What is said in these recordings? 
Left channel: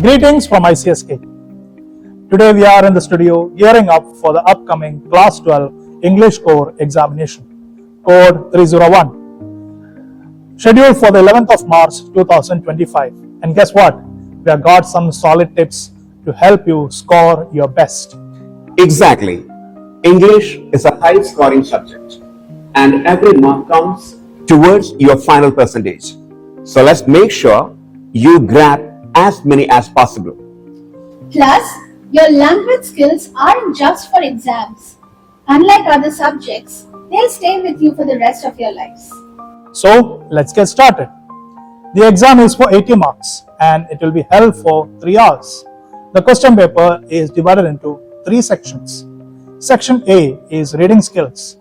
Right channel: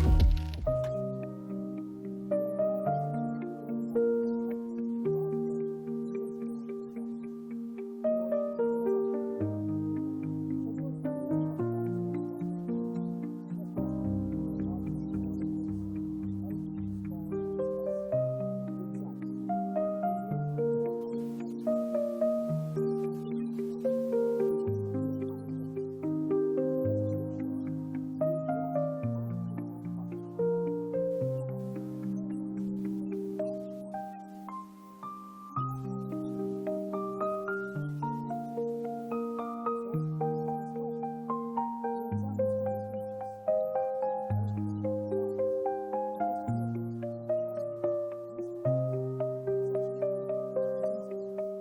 Greetings from ICSK. Today we are in the studio gearing up for the upcoming Class 12 English Core examination, Code 301, scheduled for the 11th of March 2025. And guess what? We have got some solid tips to help you score your best. Exactly. English is a high scoring subject and every mark counts towards your final percentage. So let's make sure you grab as many as possible. Plus, your language skills aren't just for exams. Unlike other subjects, they'll stay with you for the rest of your lives. So let's get started. The exam is for 80 marks and it will be held for 3 hours. The question paper is divided into 3 sections. Section A is reading skills.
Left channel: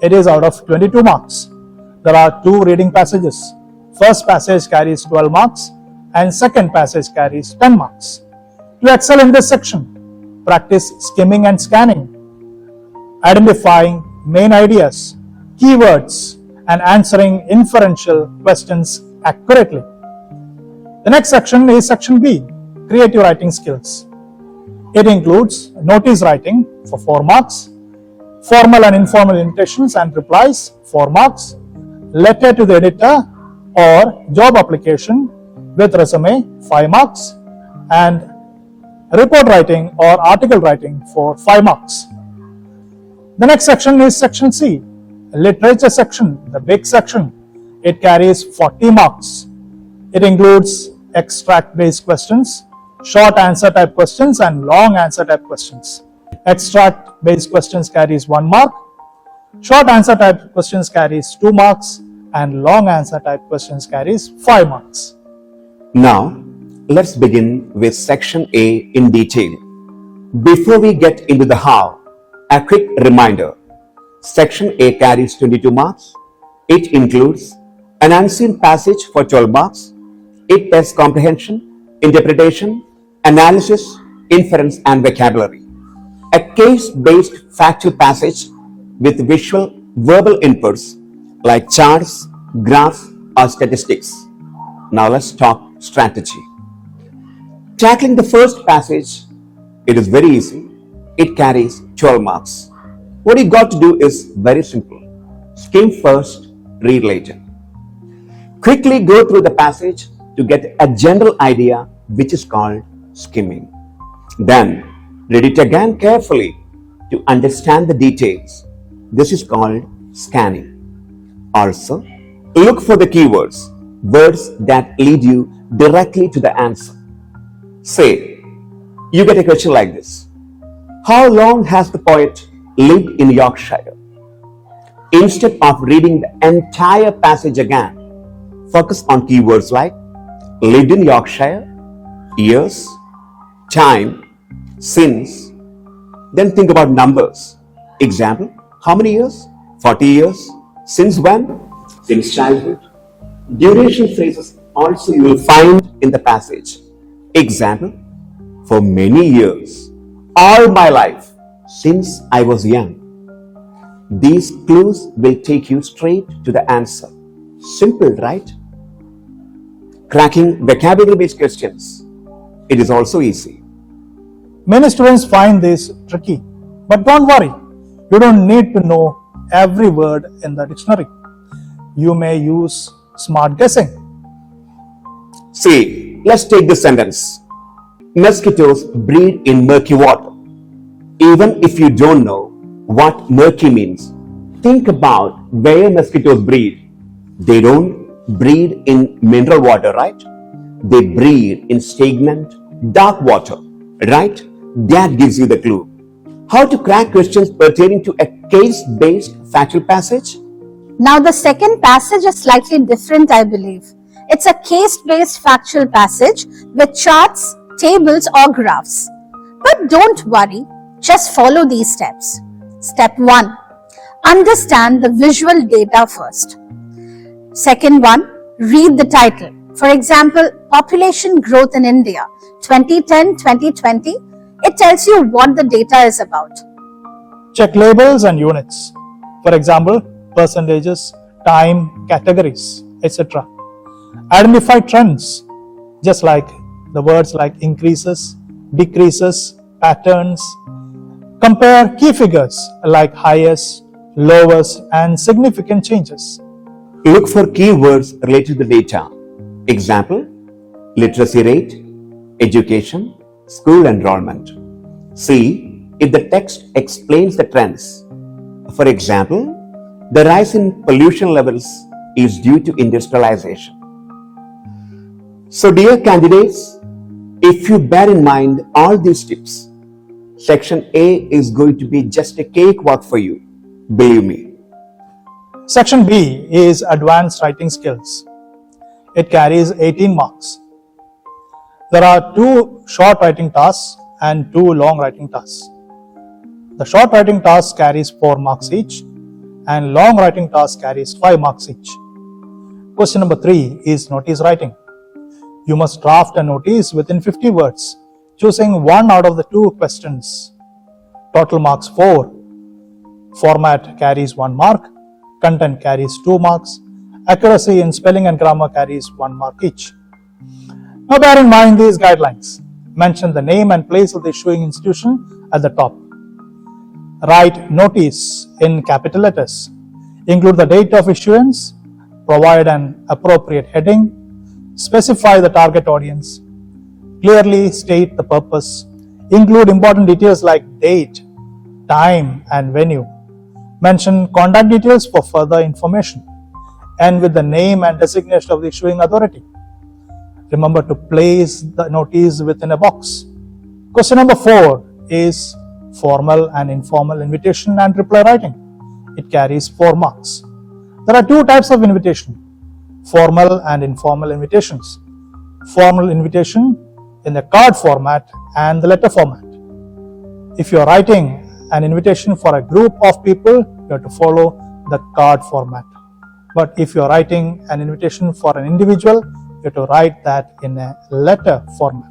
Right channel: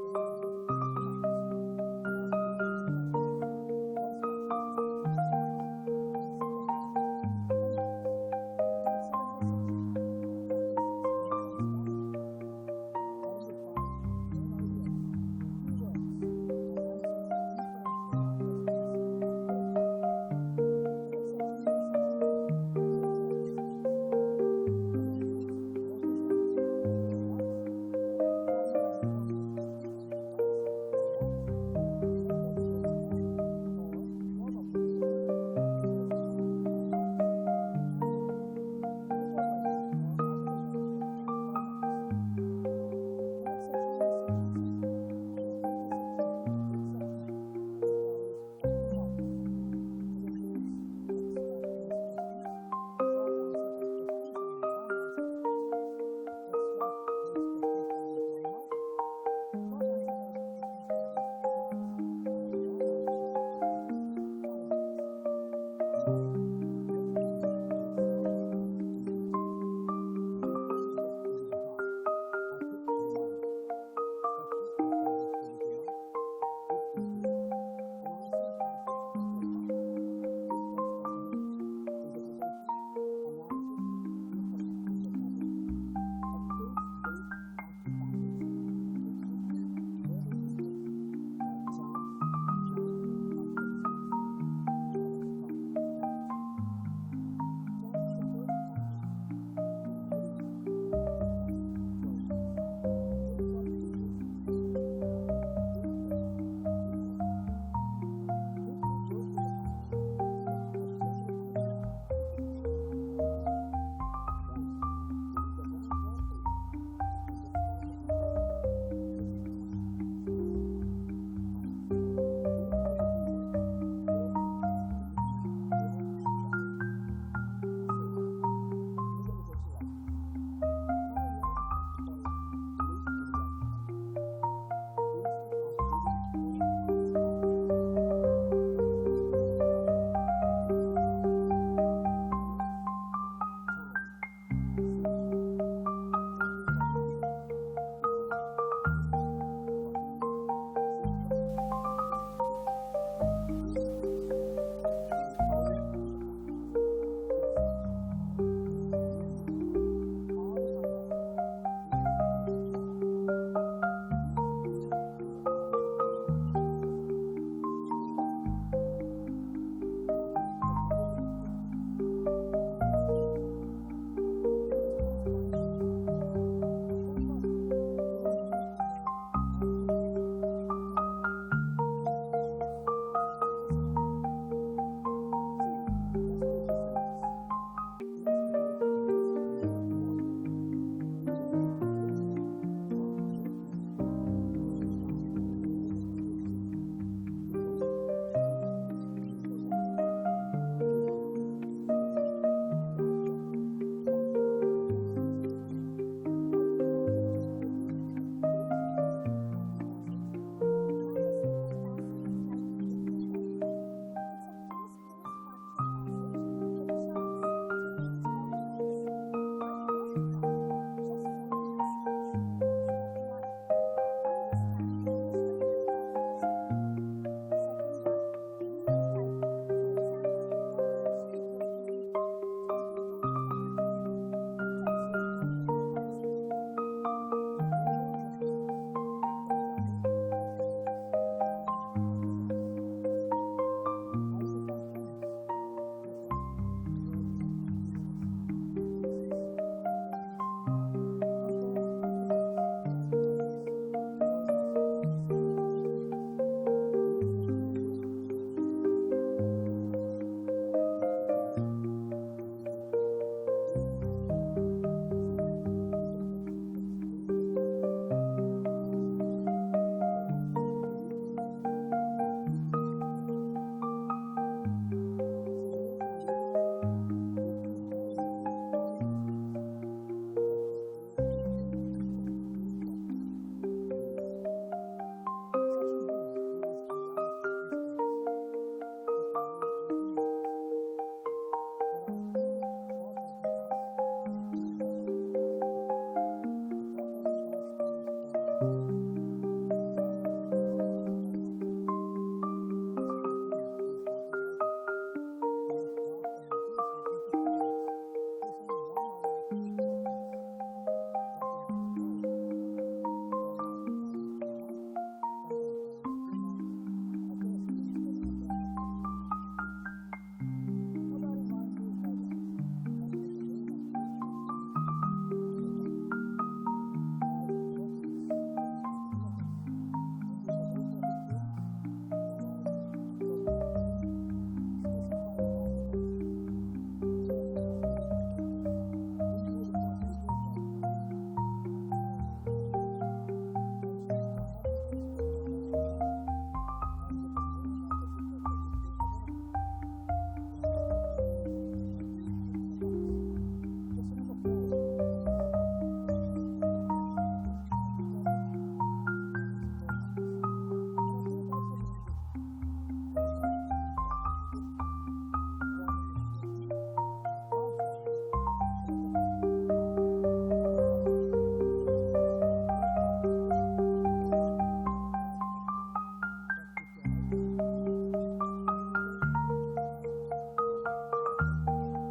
It is out of 22 marks. There are 2 reading passages. First passage carries 12 marks and second passage carries 10 marks. To excel in this section, practice skimming and scanning, identifying main ideas, keywords, and answering inferential questions accurately. The next section is Section B, creative writing skills. It includes notice writing for 4 marks, formal and informal invitations and replies 4 marks, letter to the editor or job application with resume 5 marks, and report writing or article writing for 5 marks. The next section is Section C, literature section, the big section. It carries 40 marks. It includes extract-based questions, short answer type questions, and long answer type questions. Extract-based questions carries 1 mark, short answer type questions carries 2 marks, and long answer type questions carries 5 marks. Now, let's begin with Section A in detail. Before we get into the how, a quick reminder. Section A carries 22 marks. It includes an unseen passage for 12 marks. It tests comprehension, interpretation, analysis, inference, and vocabulary. A case-based factual passage with visual, verbal inputs like charts, graphs, or statistics. Now let's talk strategy. Tackling the first passage, it is very easy. It carries 12 marks. What you got to do is very simple. Skim first, read later. Quickly go through the passage to get a general idea, which is called skimming. Then read it again carefully to understand the details. This is called scanning. Also, look for the keywords, words that lead you directly to the answer. Say, you get a question like this. How long has the poet lived in Yorkshire? Instead of reading the entire passage again, focus on keywords like lived in Yorkshire, years, time, since. Then think about numbers. Example, how many years? 40 years. Since when? Since childhood. Duration phrases also you will find in the passage. Example, for many years, all my life, since I was young. These clues will take you straight to the answer. Simple, right? Cracking vocabulary-based questions. It is also easy. Many students find this tricky, but don't worry. You don't need to know every word in the dictionary. You may use smart guessing. See, let's take this sentence. Mosquitoes breed in murky water. Even if you don't know what murky means, think about where mosquitoes breed. They don't breed in mineral water, right? They breed in stagnant, dark water, right? That gives you the clue. How to crack questions pertaining to a case-based factual passage? Now, the second passage is slightly different, I believe. It's a case-based factual passage with charts, tables, or graphs. But don't worry, just follow these steps. Step 1. Understand the visual data first. Second one, read the title. For example, Population Growth in India, 2010-2020. It tells you what the data is about. Check labels and units. For example, percentages, time, categories, etc. Identify trends, just like the words like increases, decreases, patterns. Compare key figures like highest, lowest, and significant changes. Look for keywords related to the data. Example, literacy rate, education, school enrollment. See if the text explains the trends. For example, the rise in pollution levels is due to industrialization. So, dear candidates, if you bear in mind all these tips, Section A is going to be just a cakewalk for you. Believe me. Section B is advanced writing skills. It carries 18 marks. There are 2 short writing tasks and 2 long writing tasks. The short writing task carries 4 marks each and long writing task carries 5 marks each. Question number 3 is notice writing. You must draft a notice within 50 words, choosing one out of the 2 questions. Total marks 4. Format carries 1 mark. Content carries 2 marks. Accuracy in spelling and grammar carries 1 mark each. Now bear in mind these guidelines. Mention the name and place of the issuing institution at the top. Write notice in capital letters. Include the date of issuance. Provide an appropriate heading. Specify the target audience. Clearly state the purpose. Include important details like date, time, and venue. Mention contact details for further information. End with the name and designation of the issuing authority. Remember to place the notice within a box. Question number 4 is formal and informal invitation and reply writing. It carries 4 marks. There are 2 types of invitation: formal and informal invitations. Formal invitation in the card format and the letter format. If you are writing an invitation for a group of people, you have to follow the card format. But if you are writing an invitation for an individual, you have to write that in a letter format.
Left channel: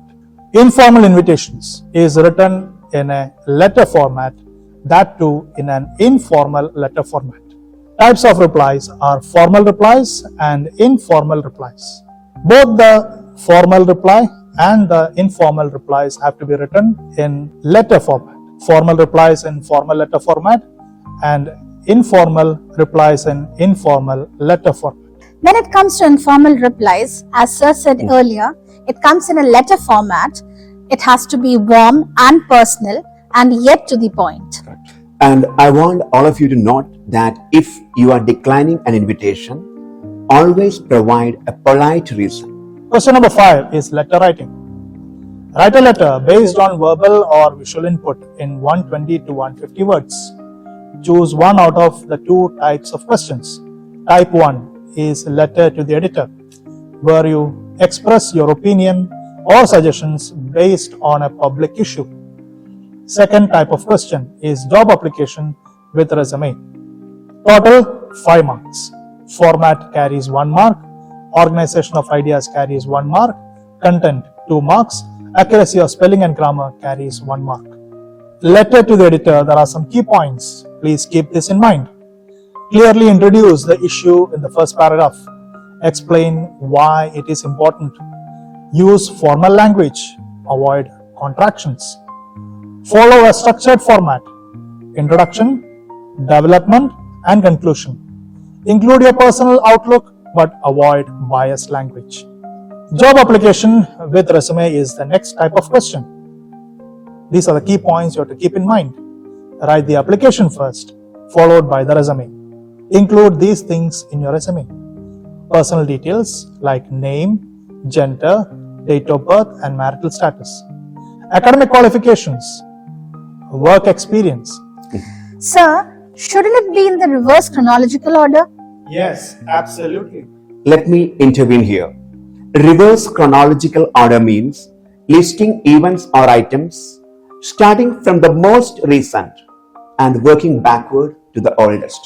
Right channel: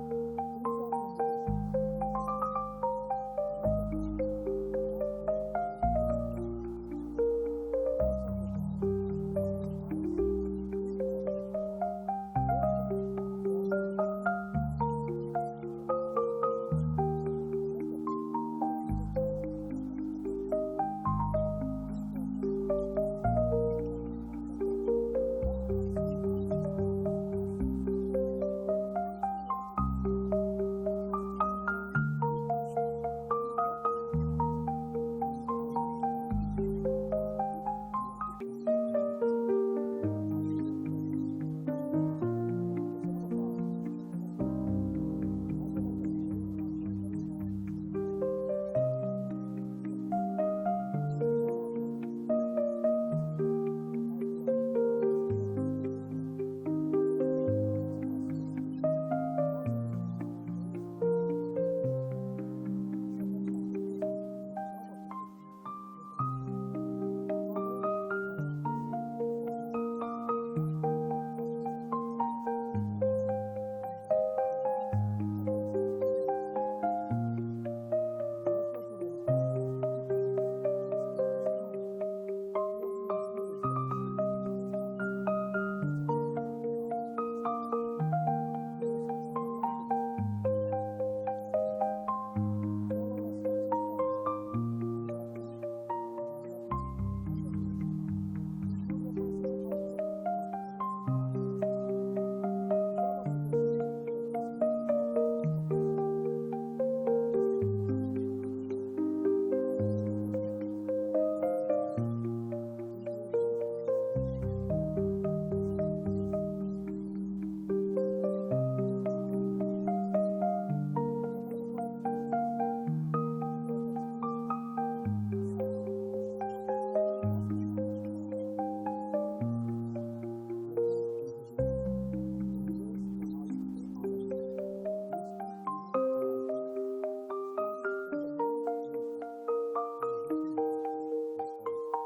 Informal invitations is written in a letter format, that too in an informal letter format. Types of replies are formal replies and informal replies. Both the formal reply and the informal replies have to be written in letter format. Formal replies in formal letter format and informal replies in informal letter format. When it comes to informal replies, as Sir said earlier, it comes in a letter format. It has to be warm and personal and yet to the point. And I want all of you to note that if you are declining an invitation, always provide a polite reason. Question number 5 is letter writing. Write a letter based on verbal or visual input in 120 to 150 words. Choose one out of the 2 types of questions. Type 1 is letter to the editor, where you express your opinion or suggestions based on a public issue. Second type of question is job application with resume. Total 5 marks. Format carries 1 mark. Organization of ideas carries 1 mark. Content 2 marks. Accuracy of spelling and grammar carries 1 mark. Letter to the editor, there are some key points. Please keep this in mind. Clearly introduce the issue in the first paragraph. Explain why it is important. Use formal language. Avoid contractions. Follow a structured format. Introduction, development, and conclusion. Include your personal outlook but avoid biased language. Job application with resume is the next type of question. These are the key points you have to keep in mind. Write the application first, followed by the resume. Include these things in your resume. Personal details like name, gender, date of birth, and marital status. Academic qualifications, work experience. Sir, shouldn't it be in the reverse chronological order? Yes, absolutely. Let me intervene here. Reverse chronological order means listing events or items starting from the most recent and working backward to the oldest.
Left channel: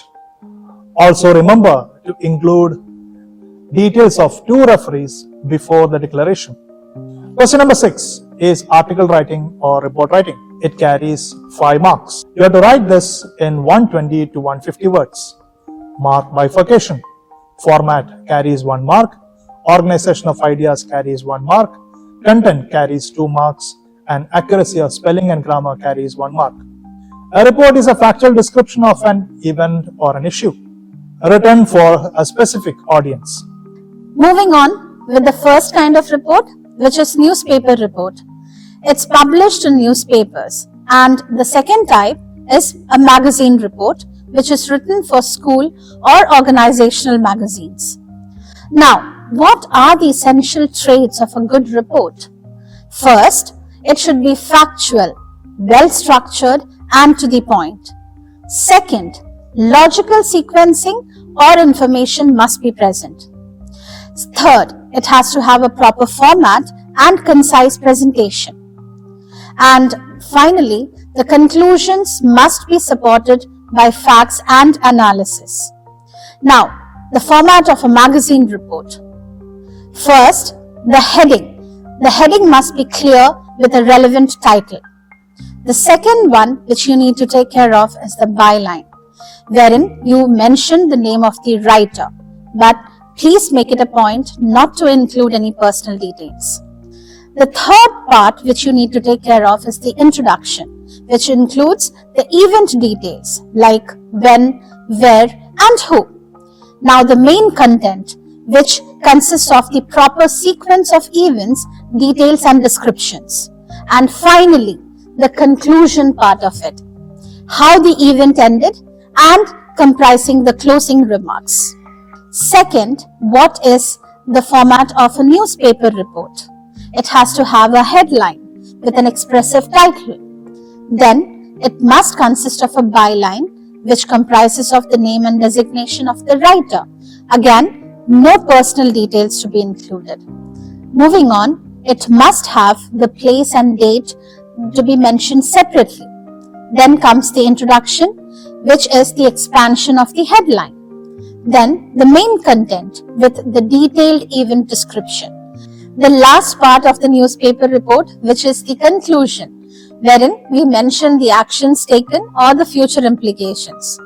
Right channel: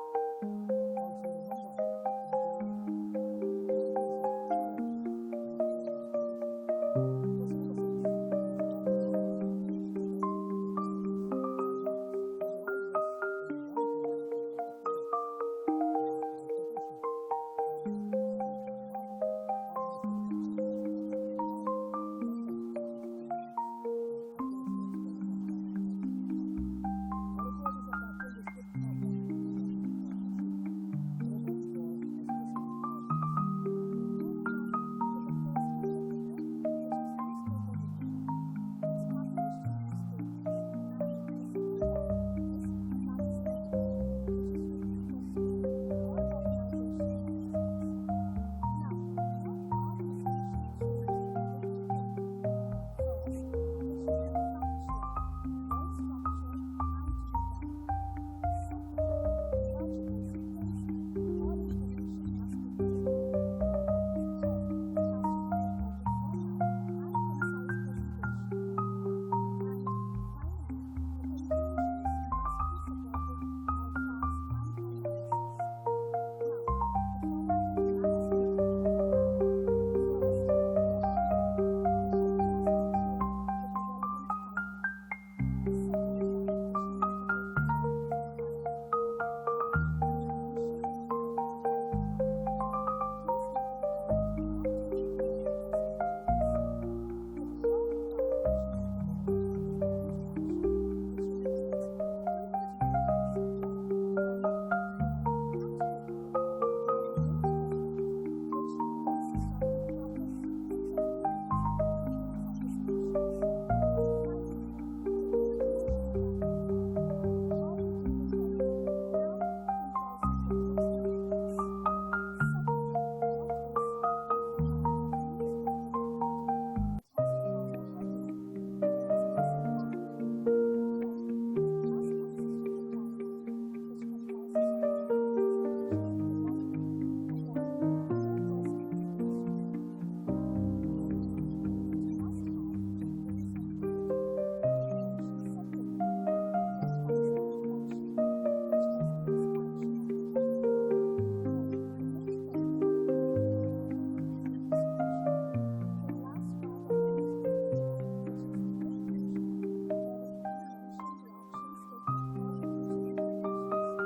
Also remember to include details of 2 referees before the declaration. Question number 6 is article writing or report writing. It carries 5 marks. You have to write this in 120 to 150 words. Mark bifurcation. Format carries 1 mark. Organization of ideas carries 1 mark. content carries 2 marks, and accuracy of spelling and grammar carries 1 mark. A report is a factual description of an event or an issue, written for a specific audience. Moving on with the first kind of report, which is newspaper report. It's published in newspapers. And the second type is a magazine report, which is written for school or organizational magazines. Now, what are the essential traits of a good report? First, it should be factual, well-structured, and to the point. Second, logical sequencing or information must be present. Third, it has to have a proper format and concise presentation. And finally, the conclusions must be supported by facts and analysis. Now, the format of a magazine report. First, the heading. The heading must be clear with a relevant title. The second one which you need to take care of is the byline, wherein you mention the name of the writer, but please make it a point not to include any personal details. The third part which you need to take care of is the introduction, which includes the event details like when, where, and who. Now the main content, which consists of the proper sequence of events, details and descriptions. And finally, the conclusion part of it, how the event ended and comprising the closing remarks. Second, what is the format of a newspaper report? It has to have a headline with an expressive title. Then, it must consist of a byline which comprises of the name and designation of the writer. Again, no personal details to be included. Moving on, it must have the place and date to be mentioned separately. Then comes the introduction, which is the expansion of the headline. Then the main content with the detailed event description. The last part of the newspaper report, which is the conclusion, wherein we mention the actions taken or the future implications.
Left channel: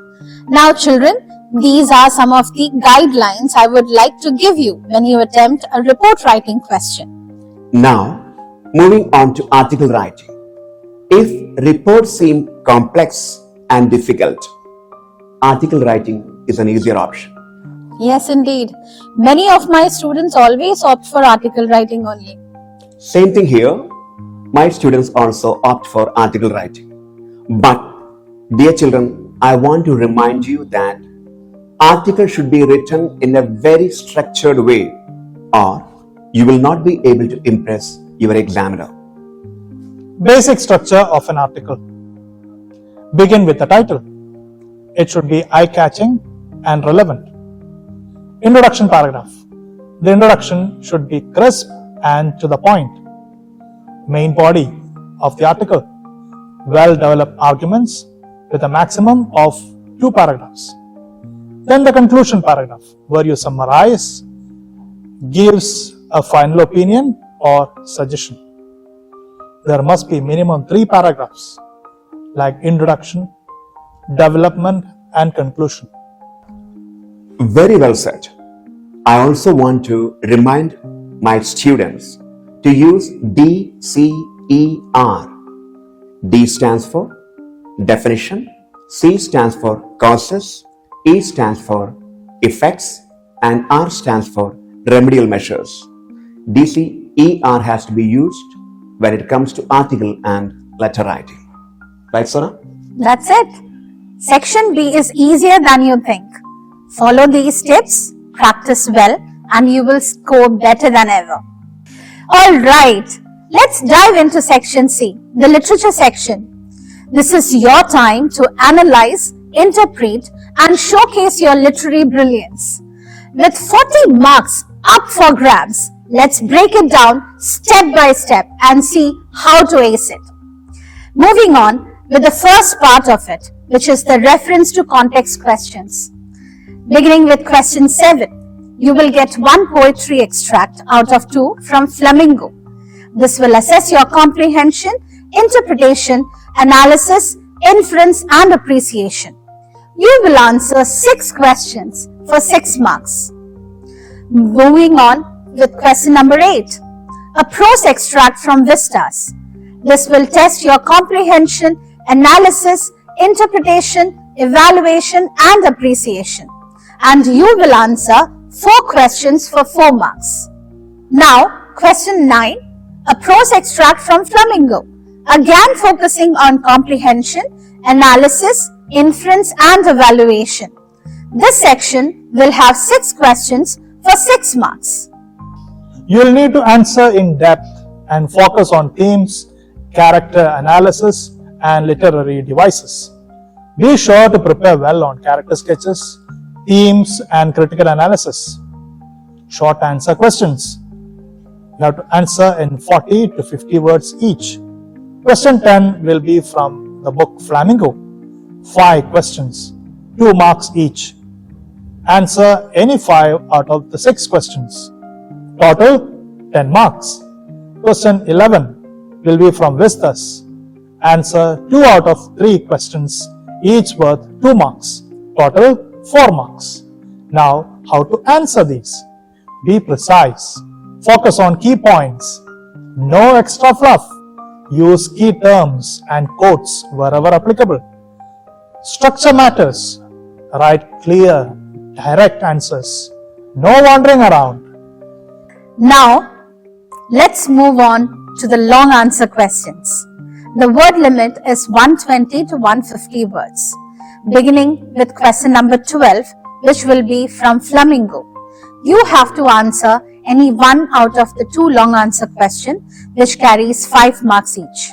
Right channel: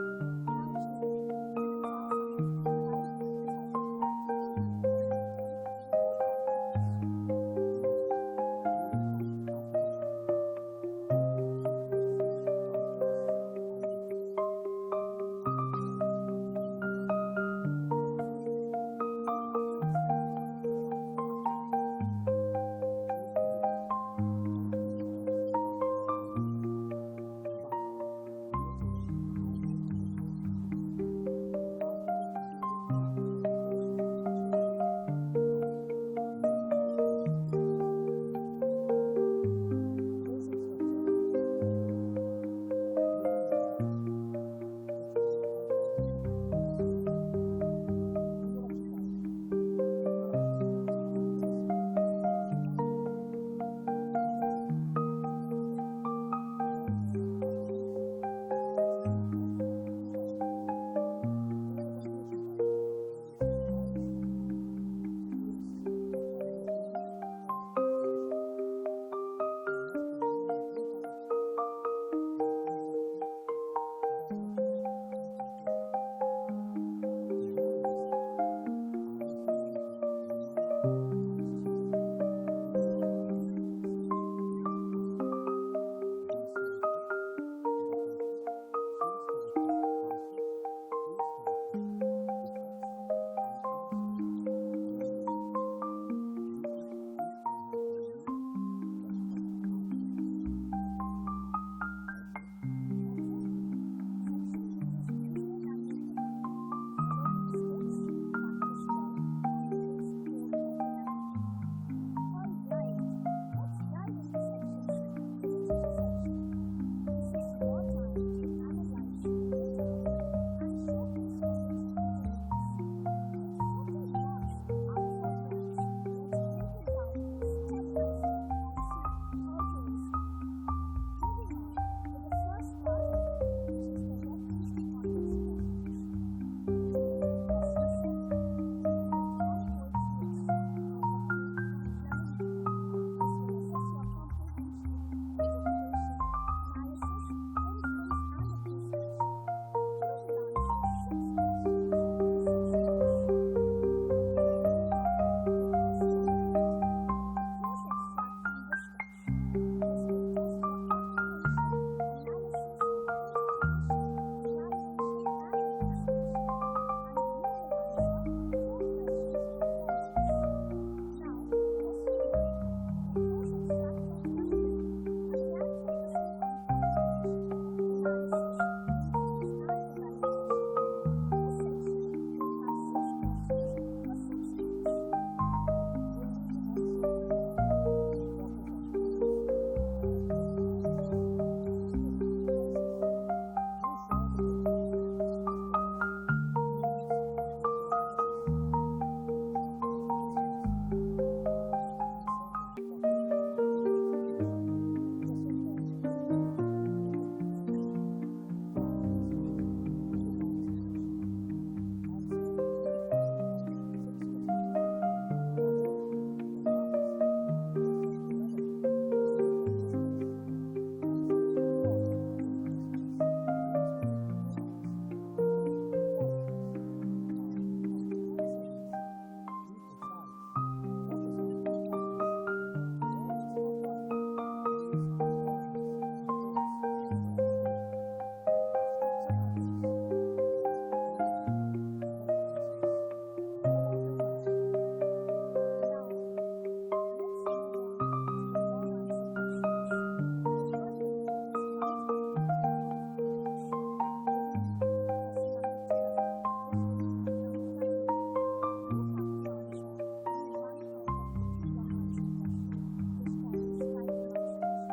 Now children, these are some of the guidelines I would like to give you when you attempt a report writing question. Now, moving on to article writing. If reports seem complex and difficult, article writing is an easier option. Yes, indeed. Many of my students always opt for article writing only. Same thing here. My students also opt for article writing. But, dear children, I want to remind you that article should be written in a very structured way, or you will not be able to impress your examiner. Basic structure of an article. Begin with the title. It should be eye-catching and relevant. Introduction paragraph. The introduction should be crisp and to the point. Main body of the article. Well-developed arguments with a maximum of 2 paragraphs. Then the conclusion paragraph, where you summarize, gives a final opinion or suggestion. There must be minimum 3 paragraphs like introduction, development, and conclusion. Very well said. I also want to remind my students to use DCER. D stands for definition, C stands for causes, E stands for effects, and R stands for remedial measures. DCER has to be used when it comes to article and letter writing. Right, Sona? That's it. Section B is easier than you think. Follow these tips, practice well, and you will score better than ever. Alright, let's dive into Section C, the literature section. This is your time to analyze, interpret, and showcase your literary brilliance. With 40 marks up for grabs, let's break it down step by step and see how to ace it. Moving on with the first part of it, which is the reference to context questions. Beginning with question 7, you will get 1 poetry extract out of 2 from Flamingo. This will assess your comprehension, interpretation, analysis, inference, and appreciation. You will answer 6 questions for 6 marks. Moving on with question number 8. a prose extract from Vistas. This will test your comprehension, analysis, interpretation, evaluation, and appreciation. And you will answer 4 questions for 4 marks. Now, question 9, a prose extract from Flamingo. Again focusing on comprehension, analysis, inference, and evaluation. This section will have 6 questions for 6 marks. You will need to answer in depth and focus on themes, character analysis, and literary devices. Be sure to prepare well on character sketches, themes, and critical analysis. Short answer questions. You have to answer in 40 to 50 words each. Question 10 will be from the book Flamingo. 5 questions, 2 marks each. Answer any 5 out of the 6 questions. Total 10 marks. Question 11 will be from Vistas. Answer 2 out of 3 questions, each worth 2 marks. Total 4 marks. Now, how to answer these? Be precise. Focus on key points. No extra fluff. Use key terms and quotes wherever applicable. Structure matters. Write clear, direct answers. No wandering around. Now, let's move on to the long answer questions. The word limit is 120 to 150 words. Beginning with question number 12, which will be from Flamingo. You have to answer any one out of the 2 long answer questions, which carries 5 marks each.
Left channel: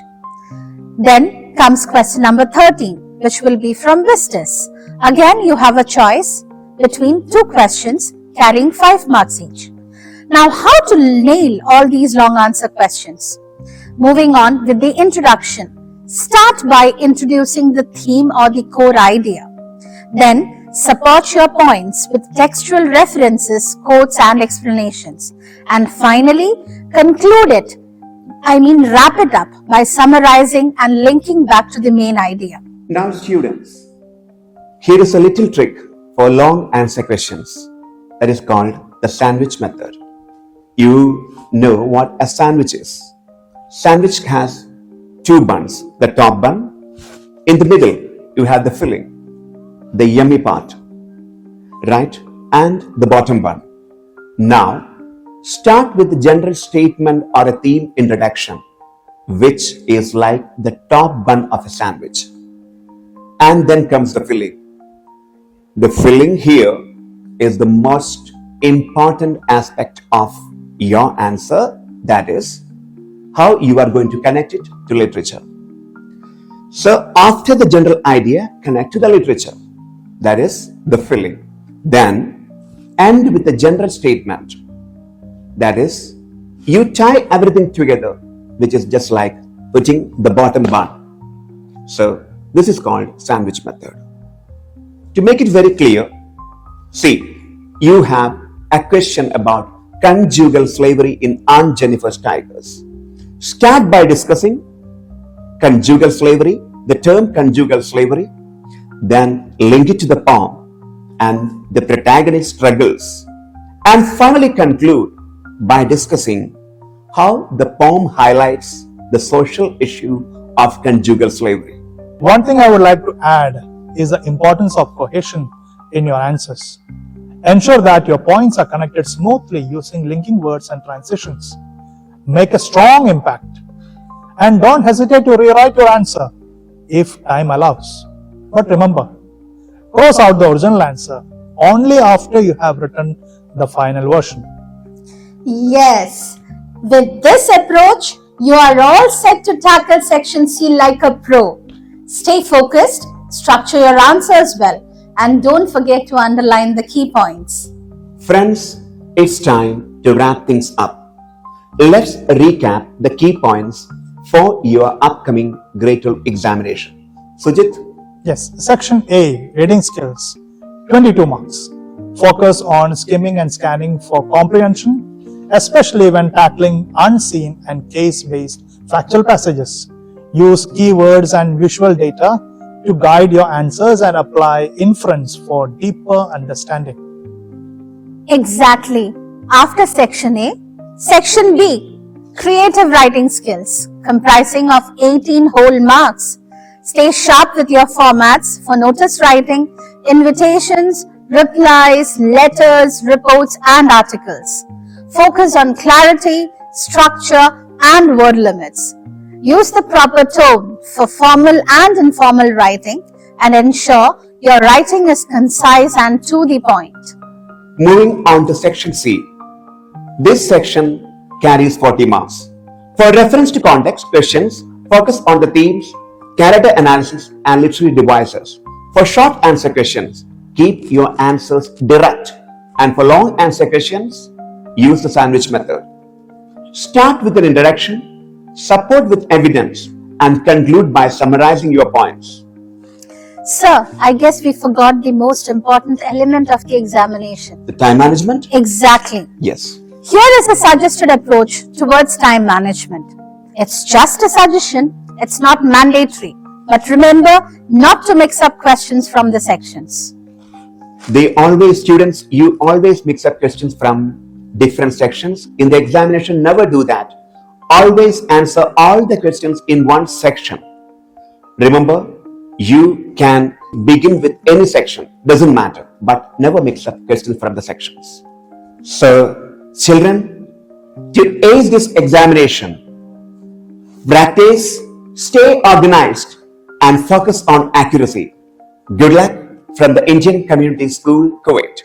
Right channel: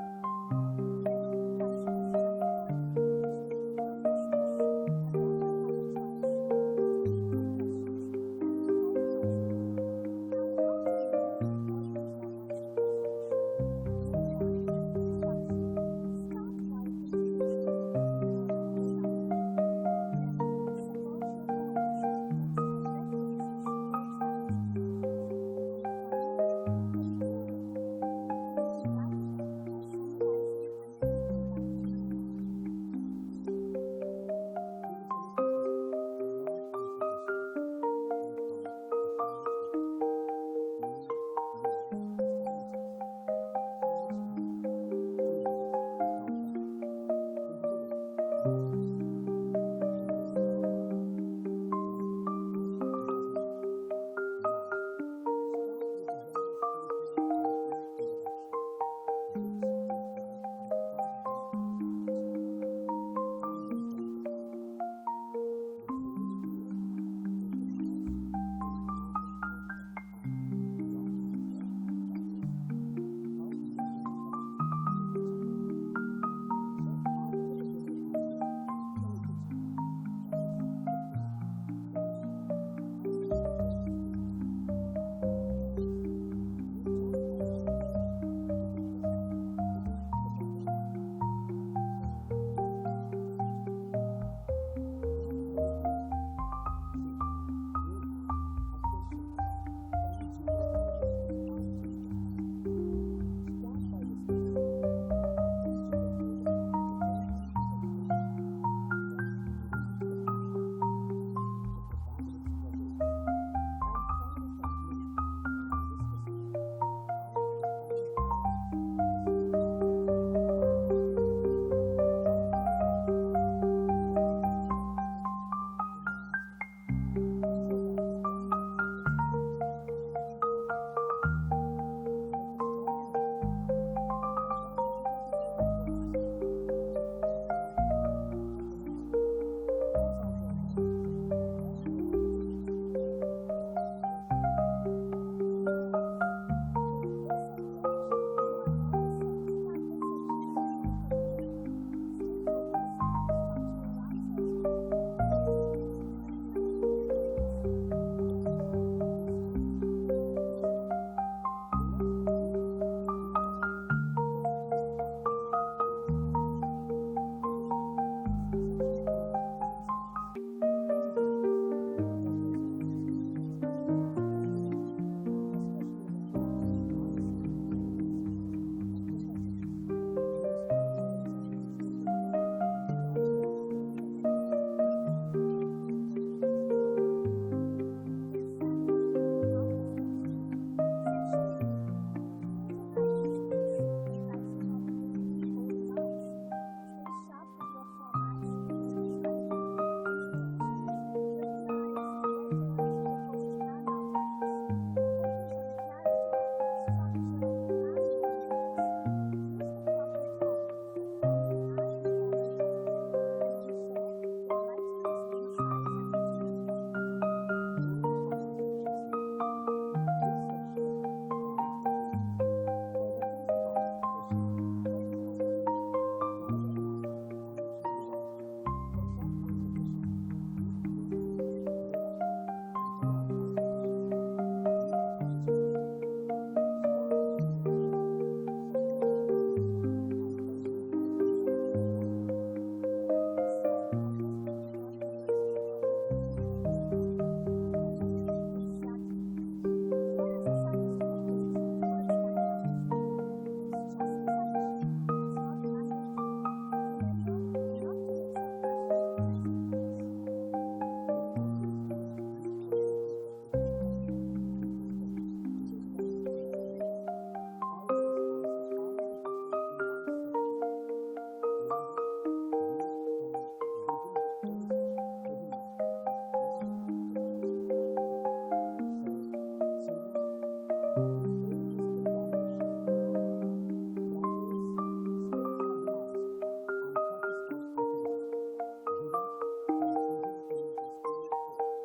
Then comes question number 13, which will be from Vistas. Again, you have a choice between 2 questions carrying 5 marks each. Now, how to nail all these long answer questions? Moving on with the introduction. Start by introducing the theme or the core idea. Then, support your points with textual references, quotes, and explanations. And finally, conclude it, wrap it up by summarizing and linking back to the main idea. Now students, here is a little trick for long answer questions that is called the sandwich method. You know what a sandwich is. Sandwich has 2 buns, the top bun. In the middle, you have the filling, the yummy part, right? And the bottom bun. Now, start with the general statement or a theme introduction, which is like the top bun of a sandwich. And then comes the filling. The filling here is the most important aspect of your answer, that is, how you are going to connect it to literature. So after the general idea, connect to the literature, that is the filling. Then end with a general statement, that is, you tie everything together, which is just like putting the bottom bun. So this is called sandwich method. To make it very clear, see, you have a question about conjugal slavery in Aunt Jennifer's Tigers. Start by discussing conjugal slavery, the term conjugal slavery, then link it to the poem and the protagonist struggles, and finally conclude by discussing how the poem highlights the social issue of conjugal slavery. One thing I would like to add is the importance of cohesion in your answers. Ensure that your points are connected smoothly using linking words and transitions. Make a strong impact. And don't hesitate to rewrite your answer if time allows. But remember, cross out the original answer only after you have written the final version. Yes, with this approach, you are all set to tackle section C like a pro. Stay focused, structure your answers well, and don't forget to underline the key points. Friends, it's time to wrap things up. Let's recap the key points for your upcoming grade 12 examination. Sujit? Yes, section A, reading skills, 22 marks. Focus on skimming and scanning for comprehension, especially when tackling unseen and case-based factual passages. Use keywords and visual data to guide your answers and apply inference for deeper understanding. Exactly. After section A, section B. Creative writing skills comprising of 18 whole marks. Stay sharp with your formats for notice writing, invitations, replies, letters, reports, and articles. Focus on clarity, structure, and word limits. Use the proper tone for formal and informal writing and ensure your writing is concise and to the point. Moving on to section C. This section carries 40 marks. For reference to context questions, focus on the themes, character analysis, and literary devices. For short answer questions, keep your answers direct. And for long answer questions, use the sandwich method. Start with an introduction, support with evidence, and conclude by summarizing your points. Sir, I guess we forgot the most important element of the examination. The time management? Exactly. Yes. Here is a suggested approach towards time management. It's just a suggestion, it's not mandatory. But remember not to mix up questions from the sections. You always mix up questions from different sections. In the examination, never do that. Always answer all the questions in one section. Remember, you can begin with any section, doesn't matter, but never mix up questions from the sections. So, children, to ace this examination, practice, stay organized, and focus on accuracy. Good luck from the Indian Community School, Kuwait.